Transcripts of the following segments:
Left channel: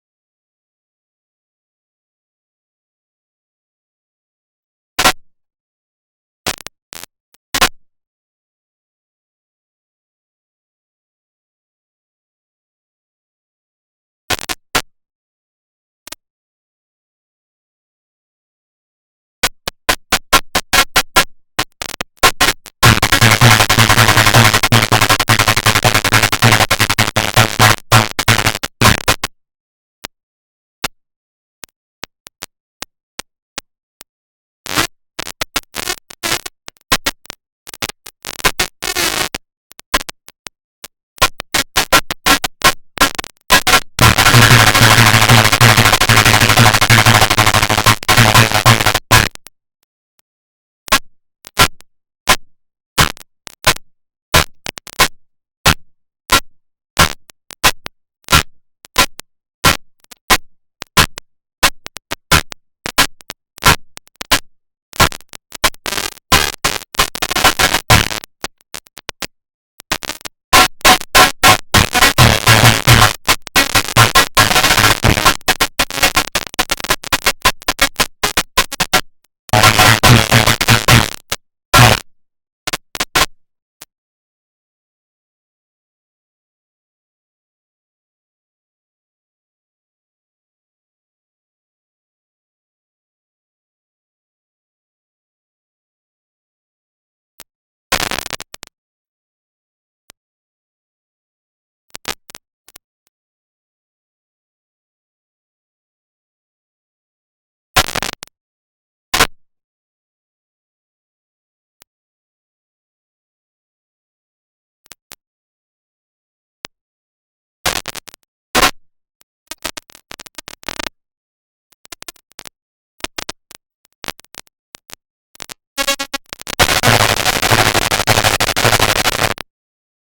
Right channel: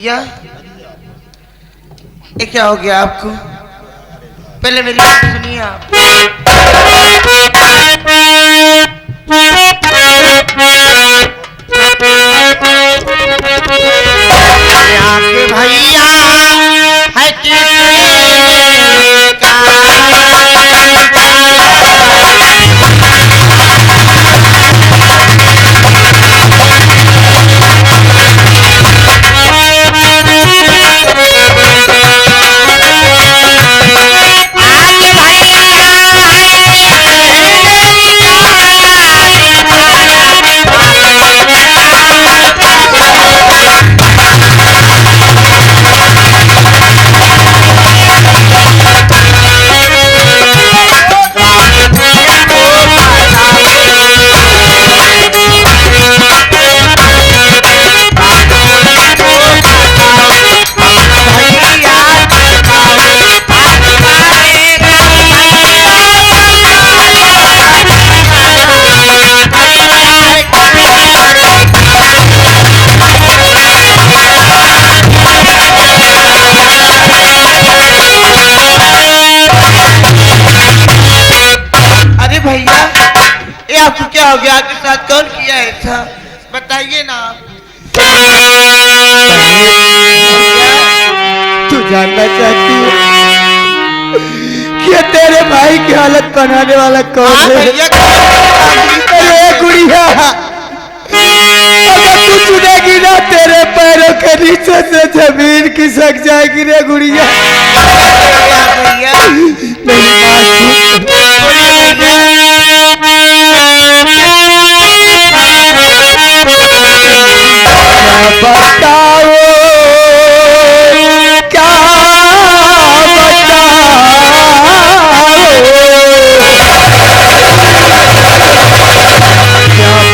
या ये क्या हो गया आपको? पहले मेरी बात सुनिए आप। भैया है आपको क्या हो गया? आपके साथ कौन किया ऐसा? बताइए ना आप। तू जानना चाहती है कि तेरे भाई की हालत बनाने वाला कौन है? भैया अरे गुड़िया, अगर तू चुनेगी ना तेरे पैरों के नीचे से जमीन खिसक जाएगी रे गुड़िया। भैया नहीं बताओ क्या बताओ, क्या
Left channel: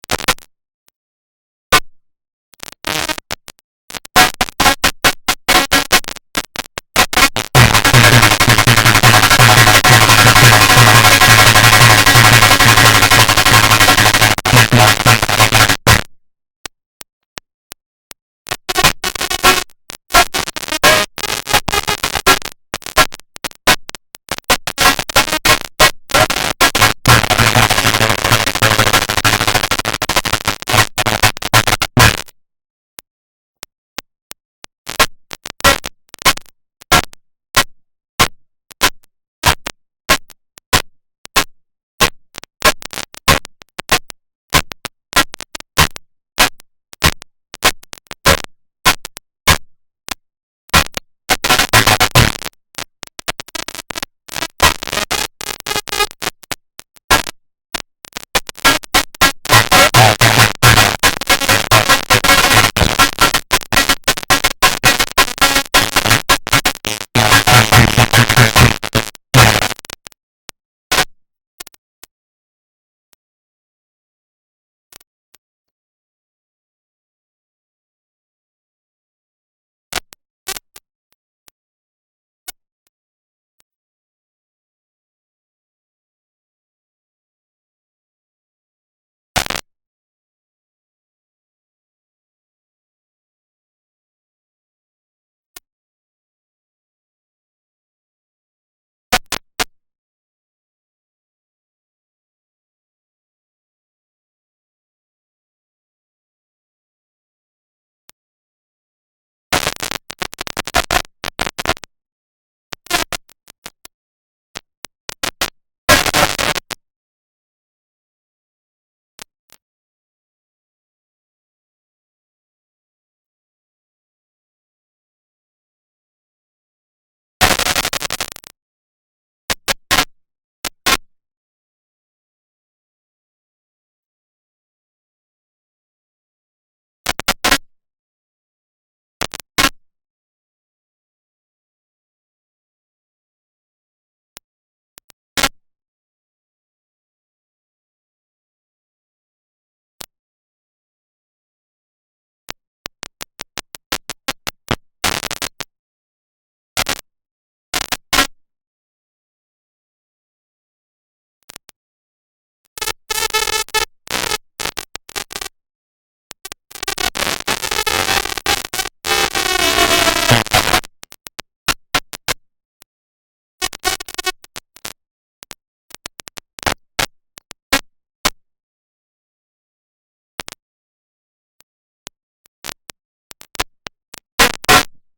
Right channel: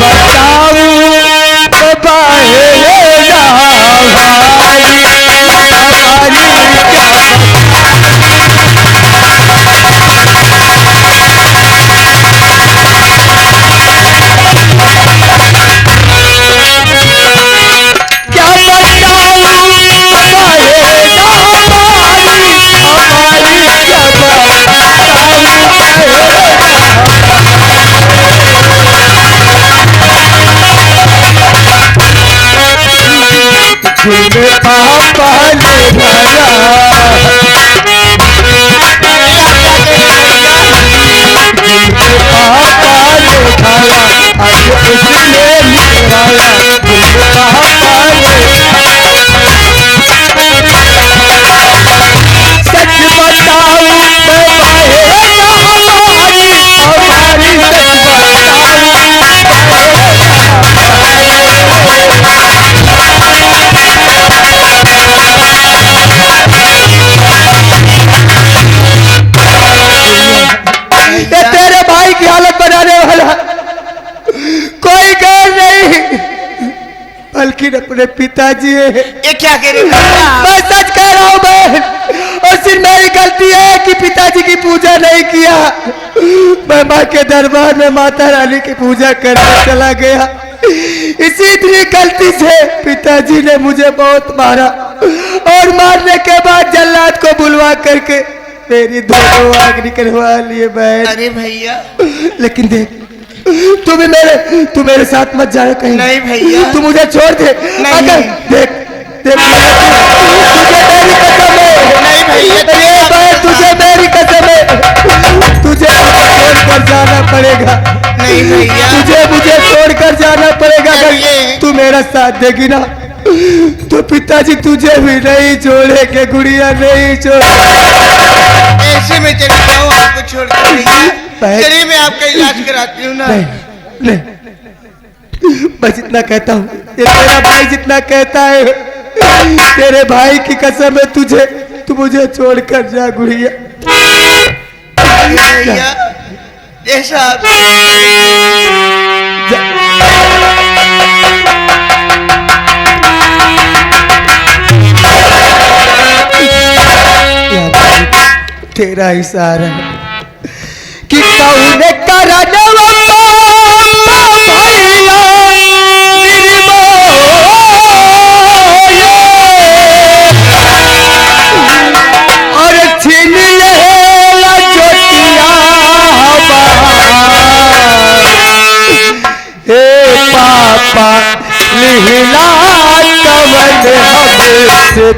बताओ पापा ने भरा पापा ने भरा आज उसने निकाला पापा ने। सच बताऊं मैं बहेगा हमारी हमारी, तेरे भाई की हालत बनाने वाला कोई गैर नहीं बल्कि अपने पिताजी है। ये क्या कह रहे हैं? मैं सच कह रहा हूँ बहन, और सिर्फ मेरी गलती है कि पिताजी की पूजा नहीं किया। मैं माँ के दरबार में माता रानी की पूजा करने चला गया, इसी इतनी गलती से पिताजी ने मुझे बहुत मारा और मारने के बाद जल्लाद को बुलवा करके मेरी दोनों आंख निकलवा लिए बहन। अरे भैया लेकिन देख, तू मेरे साथ मत जाना कहीं। नहीं भैया, तू मुझे छोड़ दे। अगर देख देख तुझे मेरी कसम है। नहीं भैया, बहन तुझे मेरी कसम है, तुझे छोड़कर जाना पड़ेगा। नहीं भैया, तुझे मुझे छोड़कर जाना पड़ेगा। अगर तू मेरा साथ देगी ना तो पिताजी तुझे भी नहीं छोड़ेंगे गुड़िया, नहीं छोड़ेंगे। ऐसे में चली जाऊँ आपको छोड़कर भैया? चलिए मैं आपका इलाज कराती हूँ ना। नहीं, मैं जितना कहता हूँ ये तेरा भाई जितना कहता है, तेरे भाई की कसम है तुझे, तू मुझे छोड़कर जा गुड़िया। भैया ऐसा तेरा इशारा कि कौन करने वाला भैया निर्मोह से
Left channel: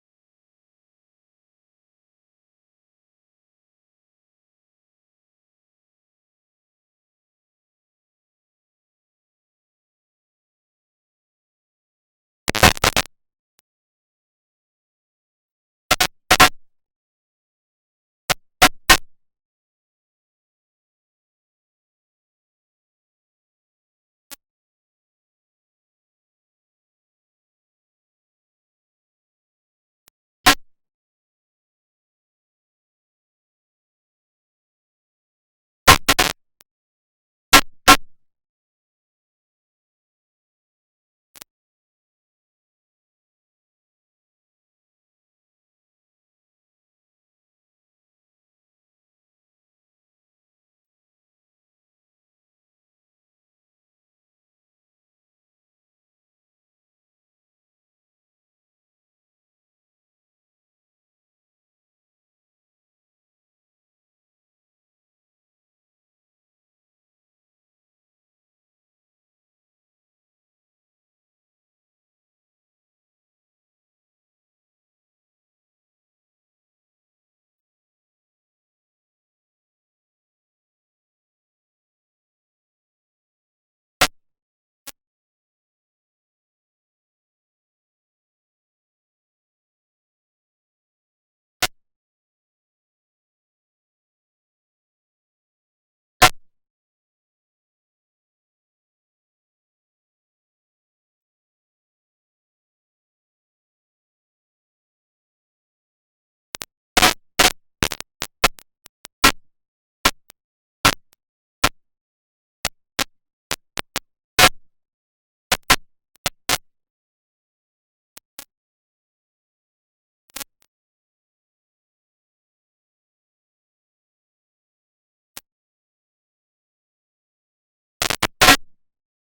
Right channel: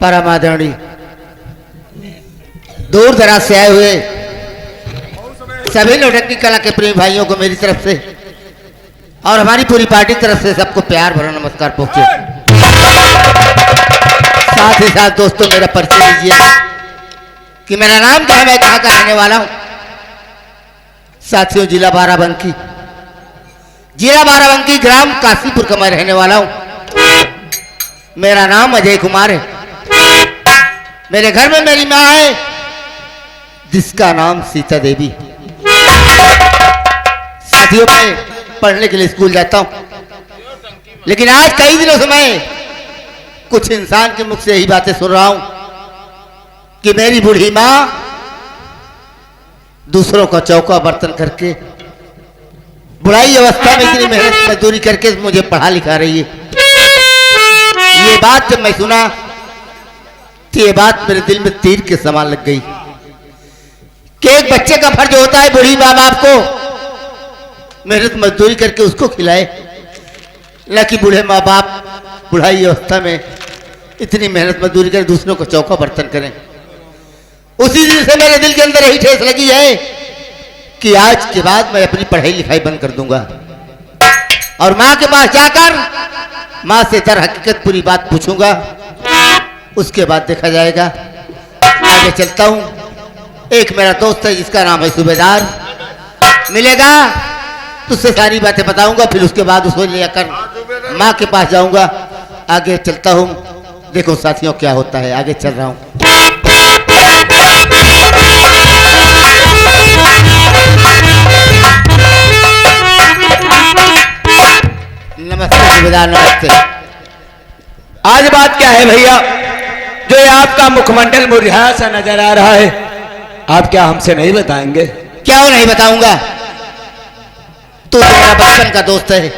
परम आदरणीय दूर दराज से आए हुए सभी नौटंकी कला के प्रेमी भाइयों को मेरी तरफ से और हमारी पूरी पार्टी की तरफ से सबको प्यार भरा नमस्कार पहुंचे। साथ ही साथ दोस्तों मेरा परिचय दीजिए कि मेरा नाम क्या है, मैं कहाँ का रहने वाला हूँ। साथियों, जिला बाराबंकी ग्राम काशीपुर का मैं रहने वाला हूँ। मेरा नाम अजय कुमार है। मेरे घर में मेरी माँ है जिसका नाम सीता देवी। साथियों, मैं पढ़ने के लिए स्कूल जाता हूं, लेकिन आज कई दिनों से मैं कुछ इंसान के मुख से यही बातें सुन रहा हूं कि मेरी बूढ़ी माँ दूसरों का चौका बर्तन करके बुढ़ाई अवस्था में इतनी मेहनत मजदूरी करके मुझे पढ़ा लिखा रही है। ये बात जब मैं सुना तो ये बात मेरे दिल में तीर के समान लग गई कि एक बच्चे का फर्ज होता है बूढ़ी माँ बाप को मेहनत मजदूरी करके उसको खिलाए, न कि बूढ़े माँ बाप बुढ़ाई अवस्था में इतनी मेहनत मजदूरी कर दूसरों को चौका बर्तन करें। उसी दिन से मेरे दिल के अंदर यही ठेस लगी है कि आज के बाद मैं अपनी पढ़ाई लिखाई बंद कर दूंगा और माँ के पास जाकर माँ से दर हकीकत पूरी बात पूछूंगा। उसके बाद देखा जाएगा। आगे चलता हूँ। एक मेरा दोस्त है जिसका नाम है सूबेदार, मिलेगा तो उससे सारी बातें बताऊंगा, फिर उसके बाद उसको लेकर माँ के पास जाऊंगा। आगे चलता हूँ। देखो साथियों क्या होता है, आगे चल रहा हूँ। नमस्ते सूबेदार, नमस्ते। आज बात क्या है भैया, जो ये आपका मुखमंडल मुरझाया सा नजर आ रहा है, आप क्या हमसे नहीं बताएंगे? क्या नहीं बताऊंगा, तू तो मेरा बचपन का दोस्त है।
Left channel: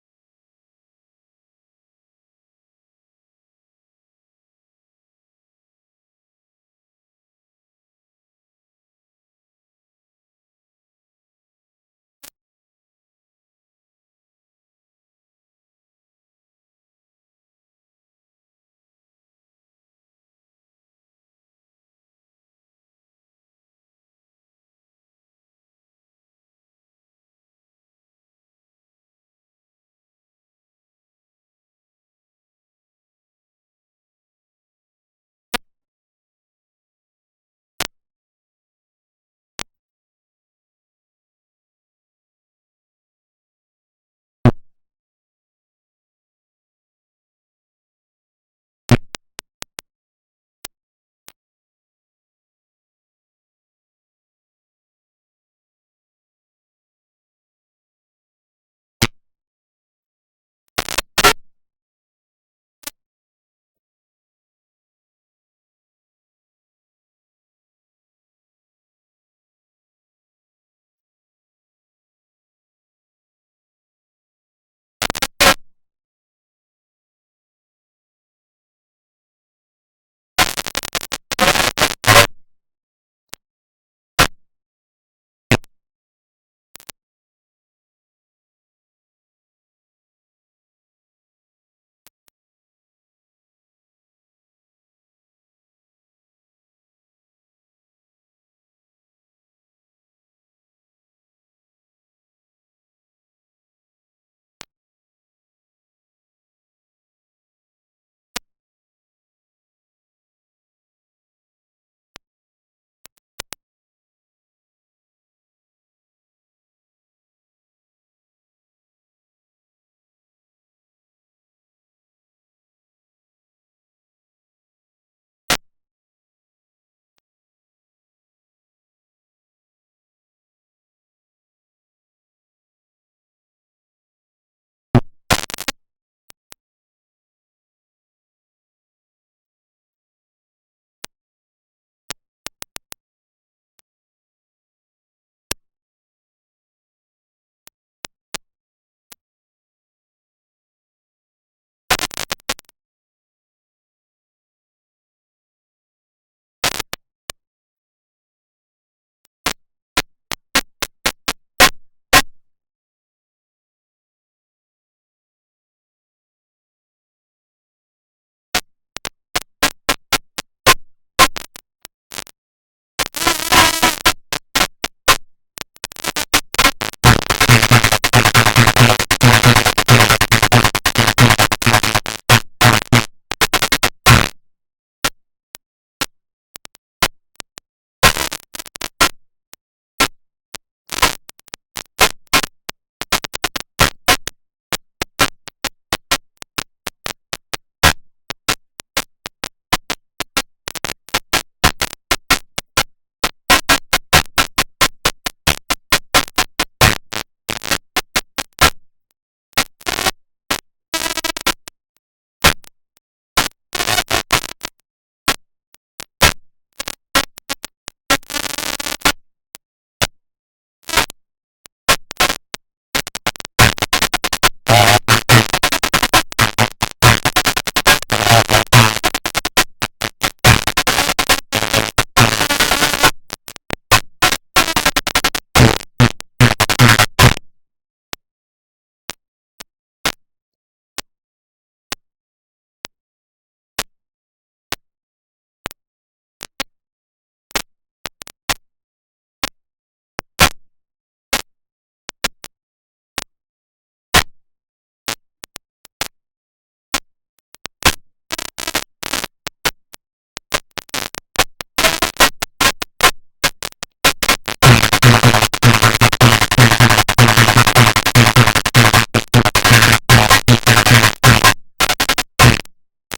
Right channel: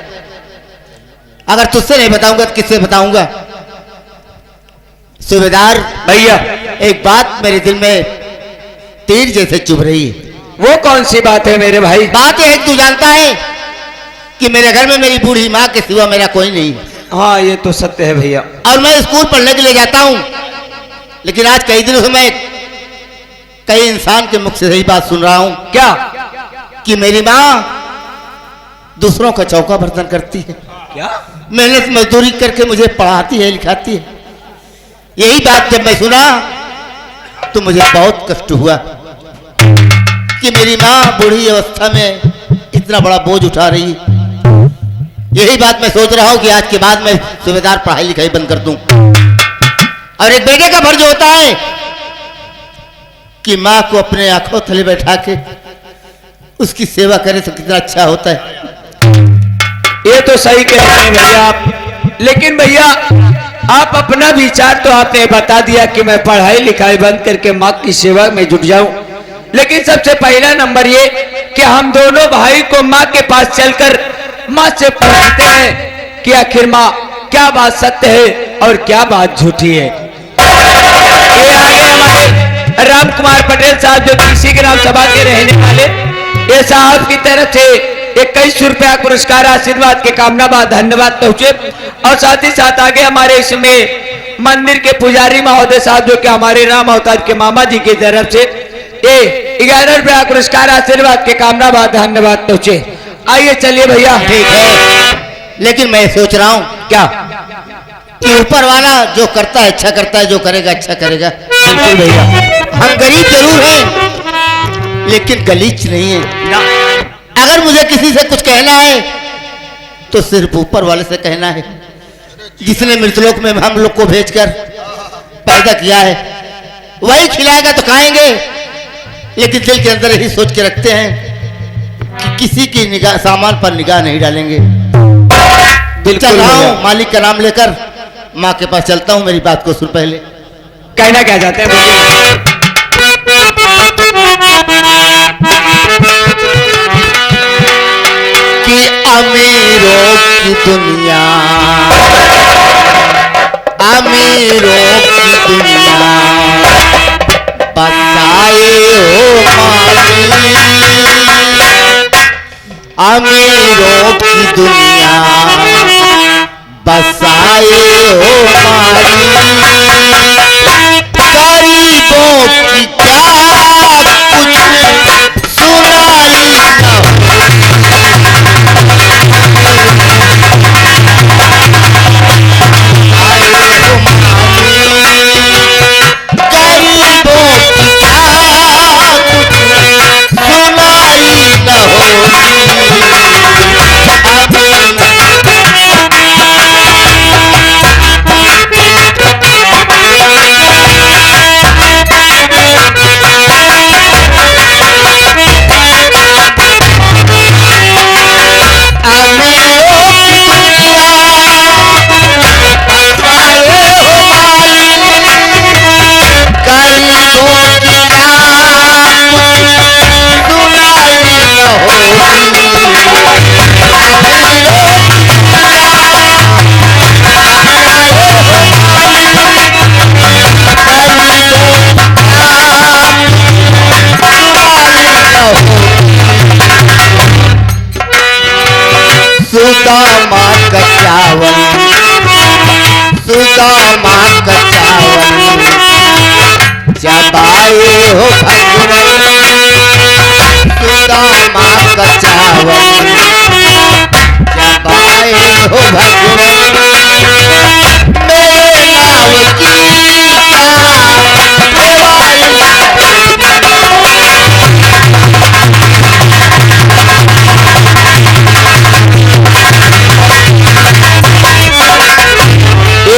अगर तुझसे नहीं बताऊंगा तो किससे बताऊंगा? सूबेदार भैया, एक बात मेरे दिल में तीर जैसे चुभ रही है। वो कौन सी बात है मेरे भाई? बात यह है, तू जानता है कि मेरे घर में मेरी बूढ़ी माँ के सिवा मेरा कोई नहीं है। हाँ, ये तो सत्य है भैया। और मैं स्कूल पढ़ने के लिए जाता हूँ, लेकिन आज कई दिनों से मैं कई इंसान के मुख से यही बात सुन रहा हूँ। क्या? कि मेरी माँ दूसरों का चौका बर्तन करती है, क्या? मेहनत मजदूरी करके मुझे पढ़ाती है, लिखाती है। यही बात जब मैं सुना तो मुझे बहुत कष्ट हुआ कि मेरी माँ बूढ़ी अवस्था में इतना बड़ा बोझ उठा रही है। यही बात मैं सोच रहा हूँ कि आज के बाद मैं सूबेदार पढ़ाई लिखाई बंद कर दूं। और एक बेटे का फर्ज होता है कि माँ को अपने आंखों तले बैठा के उसकी सेवा करे तो कितना अच्छा होता है। ये तो सही कह रहे हैं भैया आप, लेकिन भैया आप अपना विचार तो आपने बता दिया कि मैं पढ़ाई लिखाई बंद करके माँ की सेवा में जुट जाऊं, लेकिन सबसे पहला नंबर ये कि हम दोनों भाई को माँ के पास चलकर माँ से पूछते हैं कि आखिर माँ क्या बात सत्य है और क्या बात झूठी है। ये आगे हमारे राम कुमार पटेल साहब जो किसी ग्राम सभा के रहने वाले, ये साहब की तरफ से 21 रुपया पुरस्कार आशीर्वाद के कामना बाद धन्यवाद पहुंचे। और साथ ही साथ आगे हमारे इसमें मंदिर के पुजारी महोदय साहब जो कि हमारे राम अवतार के मामा जी की तरफ से ये 11 रुपया पुरस्कार आशीर्वाद के कामना बाद धन्यवाद पहुंचे। आइए चलिए भैया। ठीक है, लेकिन मैं सोच रहा हूँ क्या कि ऊपर वाला जो करता है अच्छा करता है, जो करेगा अच्छा करेगा। बिल्कुल भैया, हम गरीब जरूर हैं लेकिन गलीच नहीं है ना। अगर मुझे किसी से कुछ कहना है तो सिर्फ ऊपर वाले से कहना है, जिसने मृतलोक में हम लोग को भेजकर पैदा किया है। वही खिलाएगा तो खाएंगे, लेकिन दिल के अंदर यही सोच के रखते हैं कि किसी की निगाह सामान पर निगाह नहीं डालेंगे। चल रहा हूं, मालिक का नाम लेकर माँ के पास चलता हूं। मेरी बात को सुन पहले। कहना क्या चाहते हैं बोलिए। कि अमीरों की दुनिया, अमीरों की दुनिया बसाए हो माली, अमीरों की दुनिया बसाए हो माली, गरीबों की क्या कुछ सुनाई न सुदामा का चावल, सुदामा का चावल चबाए हो भगवान, सुदामा का चावल चबाए हो भगवान, मेरे नाव की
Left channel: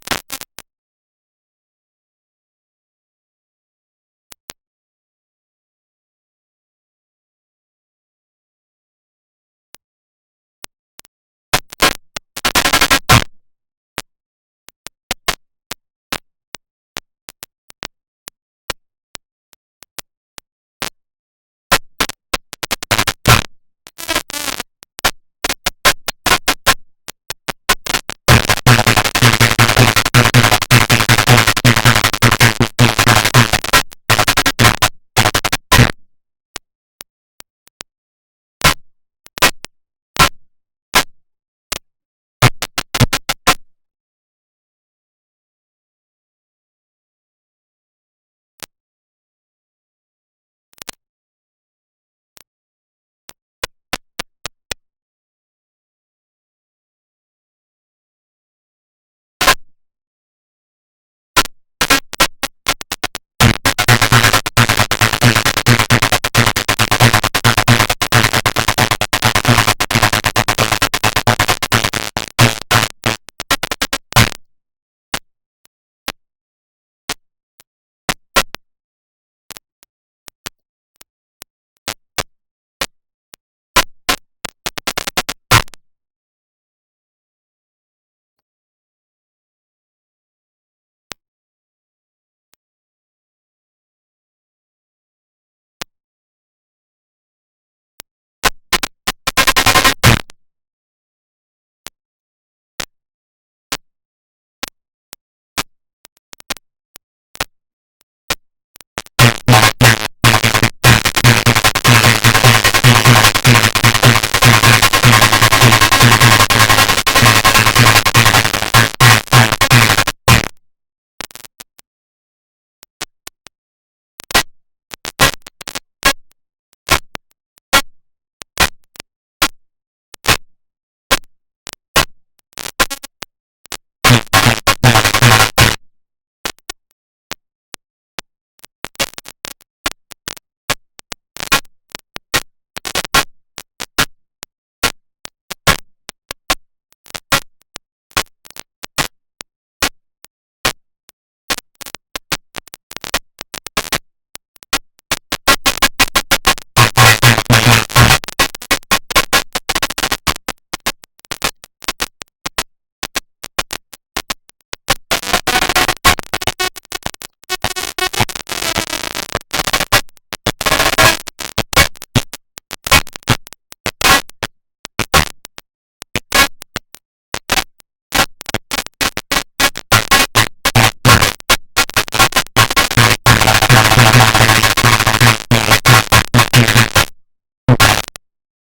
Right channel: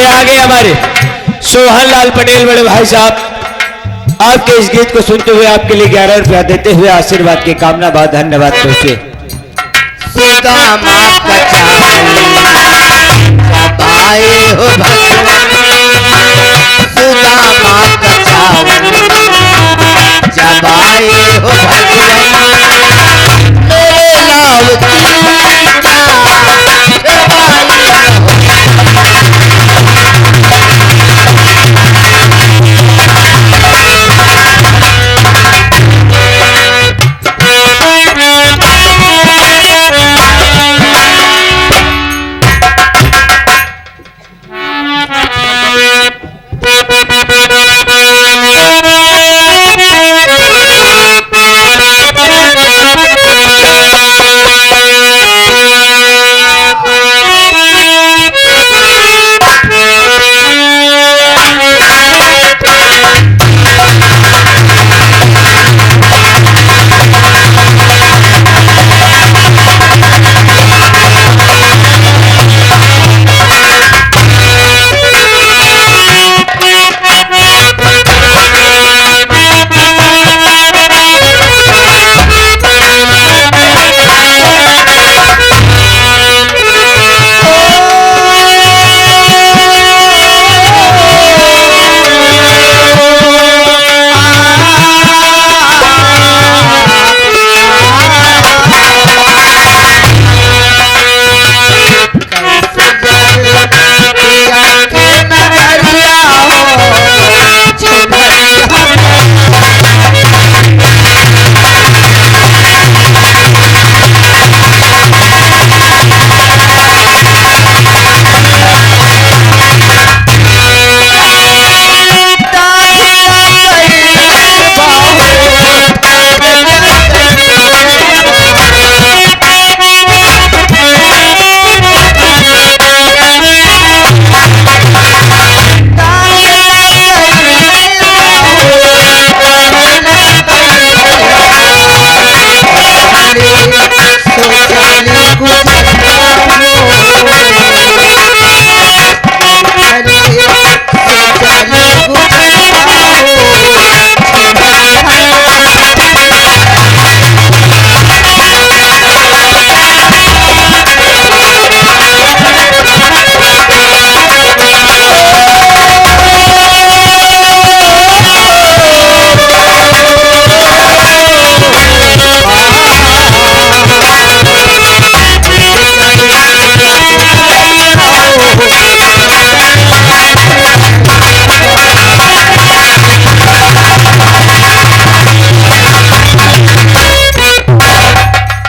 आगे हमारे सोहन लाल पटेल बड़े भाई साहब आपके इस गीत को सुनते हुए आपके लिए 11 रुपया देते हुए आशीर्वाद की कामना बाद धन्यवाद पहुंचे। सुदामा का चावल चबाए हो भगवान, सुदामा का चावल चबाए हो भगवान, मेरे नाव की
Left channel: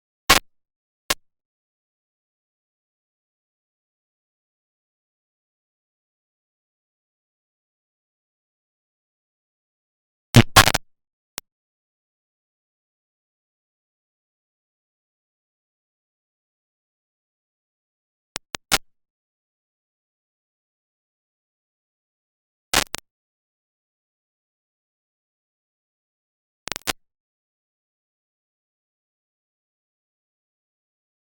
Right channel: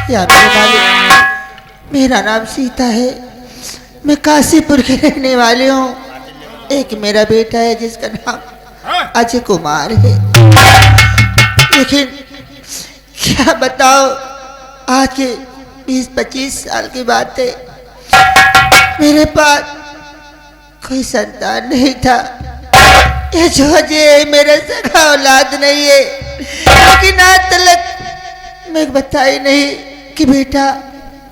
या मेरे मालिक, मेरा नाम सीता है, मैं काशीपुर की रहने वाली हूँ। एक मेरा बेटा है जिसका नाम अजय कुमार है, लेकिन क्या बताओ, आज के 20-25 साल की बात है, मेरे पास कोई संतान नहीं था। ये जो अजय मेरा सगा औलाद नहीं है, लेकिन आज तक मैं बताई नहीं कि बेटा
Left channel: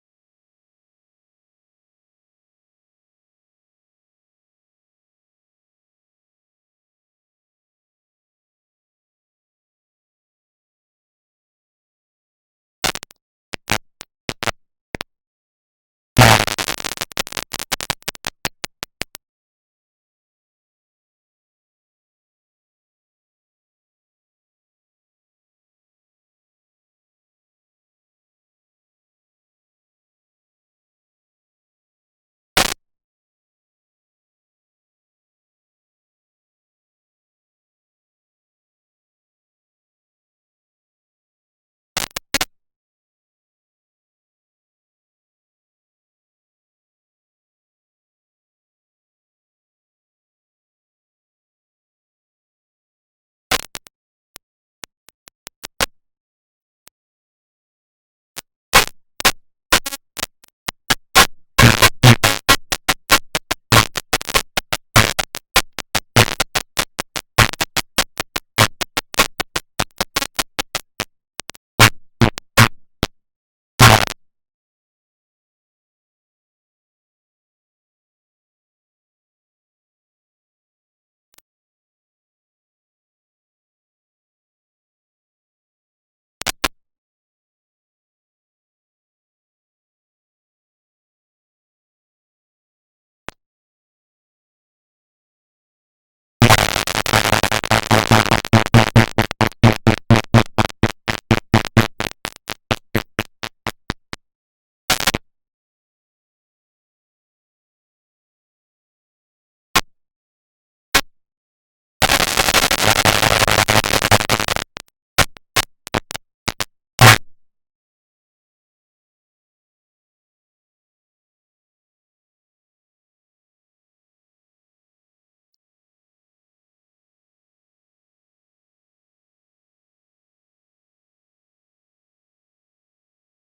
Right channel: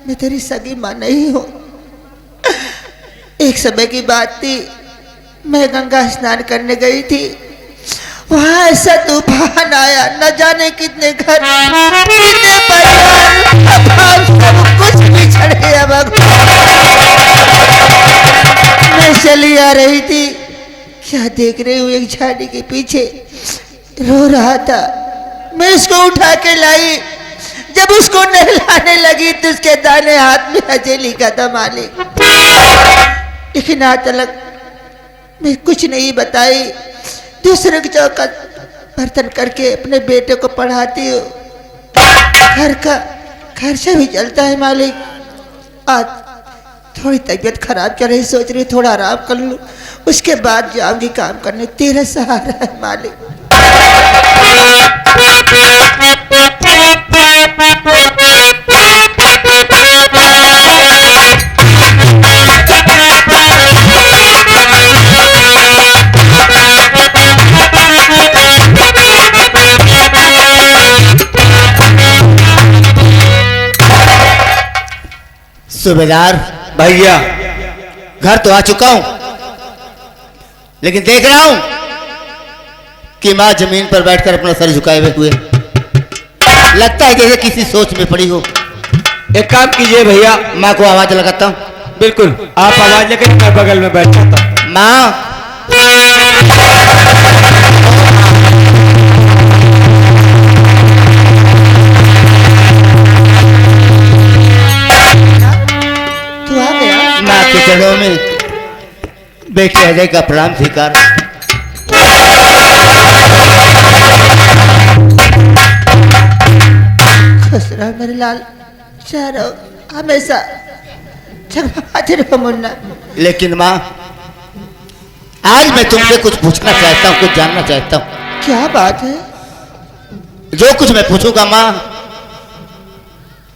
मैं तेरी सगी माँ नहीं हूँ। एक समय की बात थी, मैं गंगा स्नान करने गई थी, वहां ऐसा तूफान आया, न जाने कितने घर, कितने परिवार, सब कुछ बिछड़ गया। मैं चली आ रही थी, क्या देख रही हूँ, एक झाड़ी के पीछे रो रहा था। मैं उसको उठा के लाई, जब उसको नहलाने लगी तो उसके दाने हाथ में अजय लिखा था मालिक। लेकिन आज तक मैं कुछ नहीं बताई। दूसरे की चौकट बर्तन करके अपने बेटे को पढ़ाती हूँ, घर का खर्चा भी चलता है मालिक। आज थोड़ी तबीयत खराब चल रही, सोच रही थोड़ा आराम कर लूँ, उसके बाद जाऊंगी काम करने। तेरा सहारा है मालिक। सूबेदार भैया, घर तो आ चुका हूं, लेकिन देख रहा हूं कि माँ जमीन पर बैठकर अपना सर झुकाए हुए, लगता है जैसे किसी सोच में पड़ी हो। एक काम कीजिए भैया, माँ को आवाज लगाता हूं। बिल्कुल आप आवाज लेकर मैं बगल में बैठ जाता हूँ। माँ, तू आ गया? माँ के चरणों में बेटे अजय का प्रणाम स्वीकार। खुश रहो मेरे लाल, चारो हमेशा जगमगाते रहो मुन्ना। लेकिन माँ, आज मैं तुमसे कुछ पूछना चाहता हूँ, कुछ जानना चाहता हूँ। क्या बात है? जो कुछ मैं पूछूंगा माँ,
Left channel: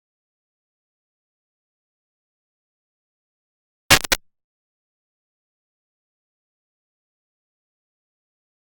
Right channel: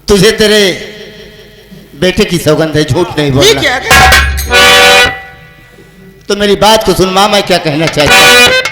तुझे तेरे बेटे की सौगंध है, झूठ नहीं ये बोलना। क्या? तो मेरी बात को सुन माँ, मैं क्या कहना चाहता हूँ।